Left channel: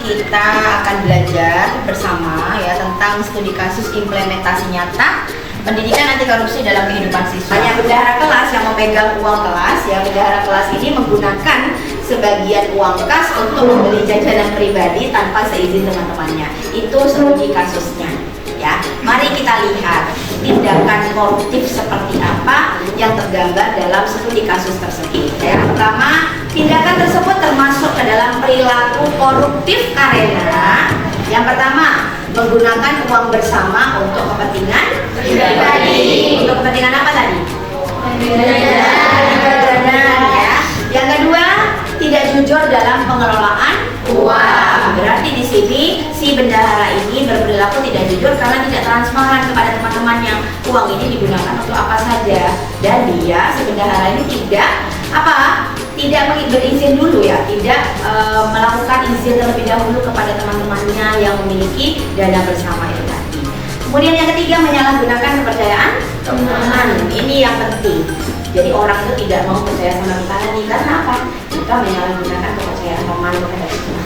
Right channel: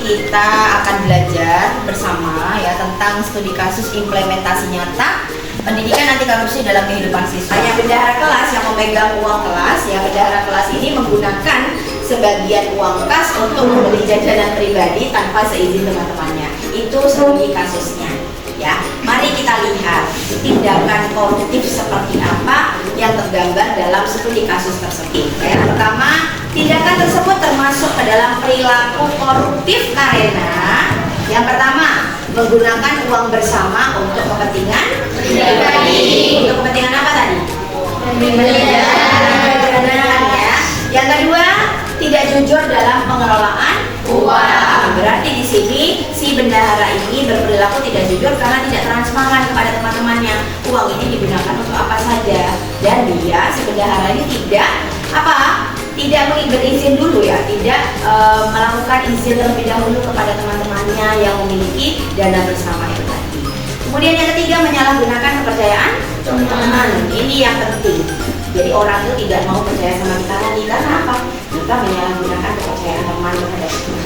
kita akan belajar bersama ya tentang studi kasus implementasi nyata pendidikan anti korupsi dalam kehidupan siswa. Hanya bendahara kelas yang memegang uang kelas ya. Bendahara kelas ini menggunakan sebagian uang kas untuk membeli jajanan pribadi tanpa seizin teman-temannya. Itu studi kasusnya ya. Mari kita lihat tindakan koruptif seperti apa yang tergambar dalam studi kasus tersebut. Yang pertama, tindakan tersebut termasuk ke dalam perilaku koruptif karena yang pertama, menggunakan uang bersama untuk kepentingan pribadi. Untuk kepentingan apa tadi? Jajanan ya. Yang kedua, tidak jujur dalam pengelolaan uang. Berarti di sini si bendahara ini berperilaku tidak jujur karena tidak transparan kepada teman-temannya. Uang ini digunakan untuk apa saja, dan dia si bendahara ini tidak berizin dulu ya, tidak melakukan izin terlebih dahulu kepada teman-temannya yang memiliki dana bersama itu tadi. Kemudian yang ketiga, menyalahgunakan kepercayaan teman-teman. Ini yang penting. Jadi orang itu tidak mau percaya sama kita lagi karena apa? Kita menyalahgunakan kepercayaan teman terhadap kita.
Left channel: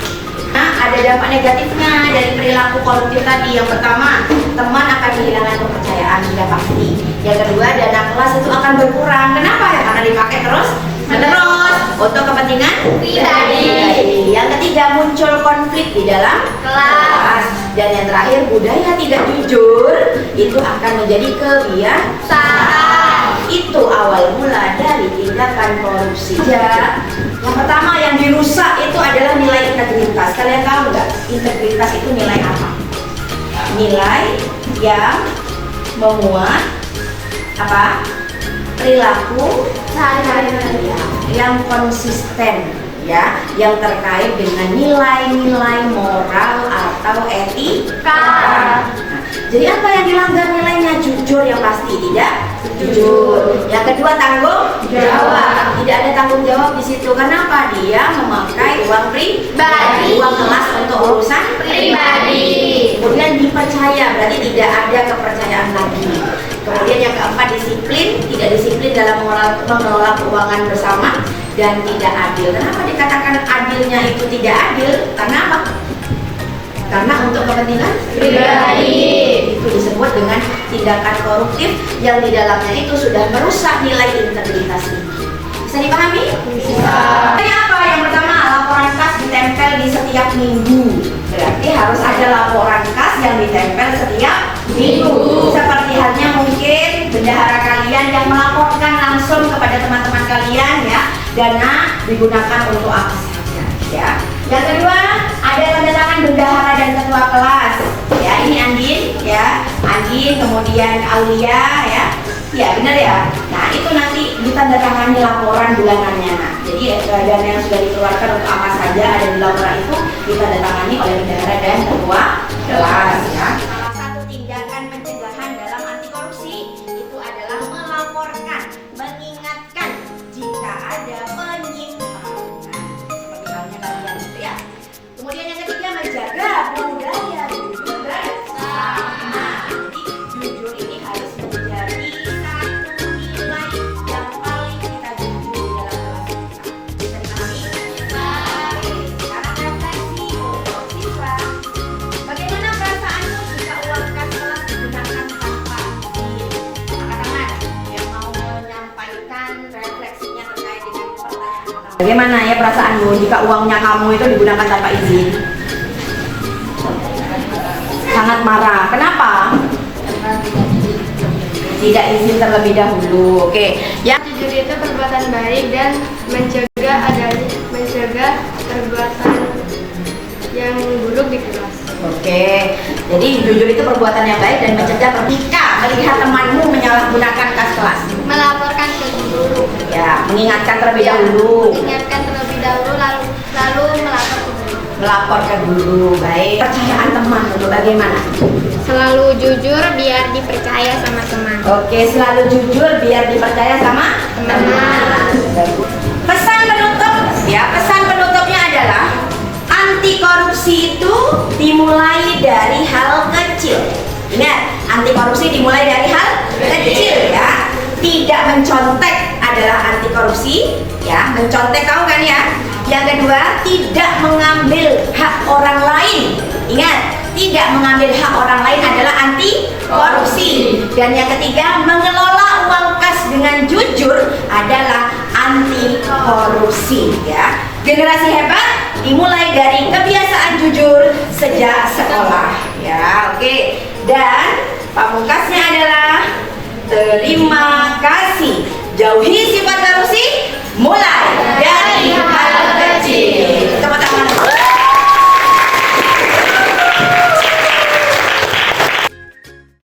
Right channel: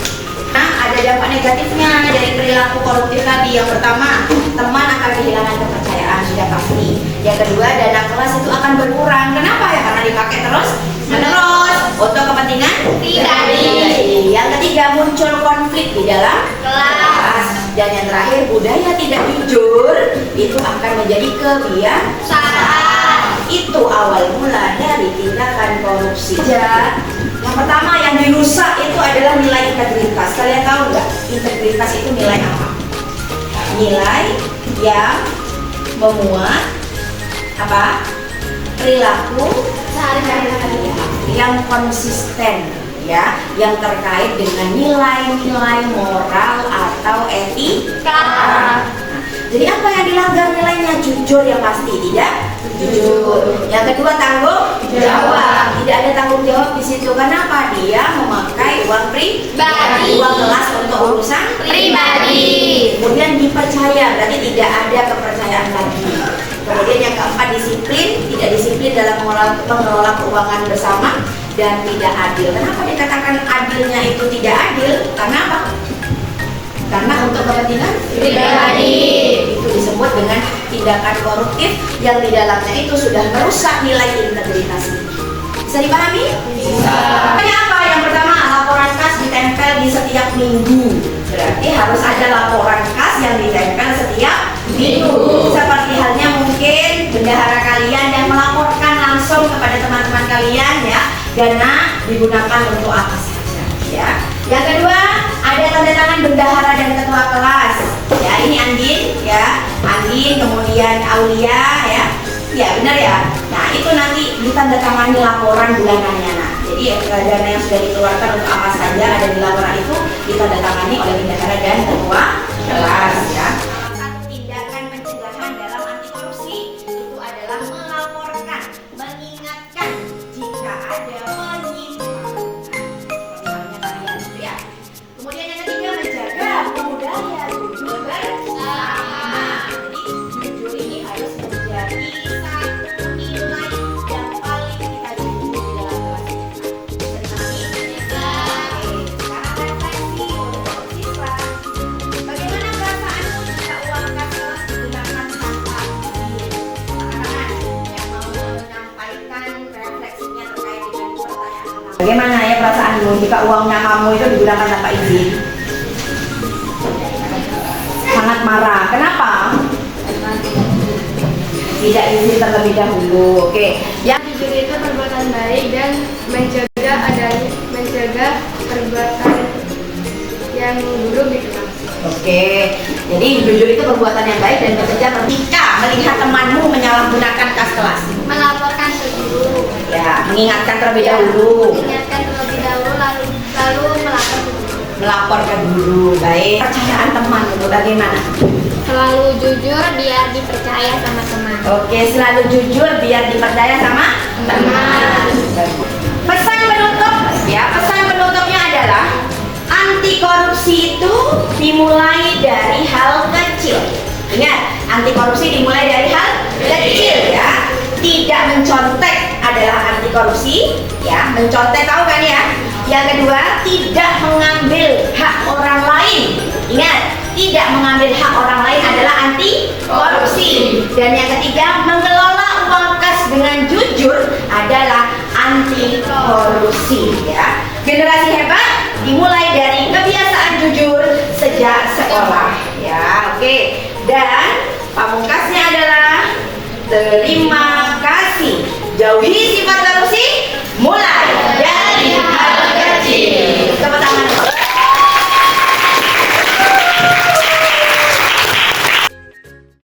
Nah, ada dampak negatifnya dari perilaku koruptif tadi. Yang pertama, teman akan kehilangan kepercayaan, sudah pasti. Yang kedua, dana kelas itu akan berkurang. Kenapa ya? Karena dipakai terus menerus untuk kepentingan pribadi. Yang ketiga, muncul konflik di dalam kelas. Dan yang terakhir, budaya tidak jujur itu akan menjadi kebiasaan. Itu awal mula dari tindakan korupsi. Yang pertama yang dirusak itu adalah nilai integritas. Kalian tahu nggak integritas itu nilai apa? Nilai yang memuat apa? Perilaku yang konsisten ya, yang terkait dengan nilai-nilai moral atau etika. Jadi apa yang dilanggar nilainya? Jujur yang pasti, tidak jujur. Yang kedua, tanggung jawab. Tidak ada tanggung jawab di situ. Kenapa? Dia memakai uang pribadi, uang kelas untuk urusan pribadi. Kemudian dipercaya, berarti tidak ada kepercayaan lagi. Kemudian yang keempat, disiplin. Tidak disiplin dalam mengelola keuangan bersama dan tidak adil. Kenapa dikatakan adilnya itu tidak adil? Karena apa? Karena untuk kepentingan pribadi. Itu disebut dengan tindakan koruptif yang di dalamnya itu sudah merusak nilai integritas. Bisa dipahami? Bisa. Apa? Yang pertama, laporan kas ditempel di setiap minggu. Berarti harus ada laporan kas yang ditempel setiap minggu. Seperti halnya mungkin bendahara kalian yang melaporkan langsung kepada teman-teman kalian ya, dana digunakan untuk apa saja ya. Yang kedua, ada tanda tangan bendahara dan ketua kelas. Ya, ini Andin ya. Andin, kemudian Aulia ya. Ya, benar ya. Nah, itu nanti ditandatangani laporan bulanannya. Nah, jadi dana yang sudah dikeluarkan untuk apa saja ada di laporan itu ditandatangani oleh bendahara dan ketua kelas ya. Salah satu tindakan pencegahan dalam anti korupsi itu adalah melaporkan, mengingatkan jika ada penyimpangan. Seperti halnya kalian itu ya. Kemudian yang ketiga, menjaga budaya jujur bersama. Jadi jujur ini harus menjadi satu nilai yang paling kita jujur di dalam kelas kita. Bisa dipahami? Bisa. Sekarang refleksi untuk siswa. Bagaimana perasaanmu jika uang kas kelas digunakan tanpa izin? Teman-teman yang mau menyampaikan refleksinya terkait dengan pertanyaan pertama. Bagaimana ya perasaanmu jika uangnya kamu itu digunakan tanpa izin? Sangat marah. Kenapa? Tidak izin terlebih dahulu. Oke. Yang Jujur itu perbuatan baik dan mencegah perbuatan yang buruk di kelas. Oke. Jadi jujur itu perbuatan yang baik dan mencegah ketika melihat temanmu menyalahgunakan kas kelas. Melaporkan ke guru. Ya, mengingatkan terlebih dahulu. Lalu melapor ke guru. Melapor ke guru. Baik. Percayaan teman itu bagaimana? Selalu jujur biar dipercaya sama teman. Oke, selalu jujur biar dipercaya sama teman. Pesan penutup ya, pesan penutupnya adalah anti korupsi itu dimulai dari hal kecil. Ingat, anti korupsi dimulai dari hal kecil ya. Tidak mencontek adalah anti korupsi ya. Mencontek tahu kan ya? Yang kedua, tidak mengambil hak orang lain. mengambil hak orang lain adalah anti korupsi. Dan yang ketiga, mengelola uang kas dengan jujur adalah anti korupsi ya. Generasi hebat dimulai dari kebiasaan jujur sejak sekolah ya. Oke. Dan pamungkasnya adalah terima kasih. Jauhi sifat korupsi mulai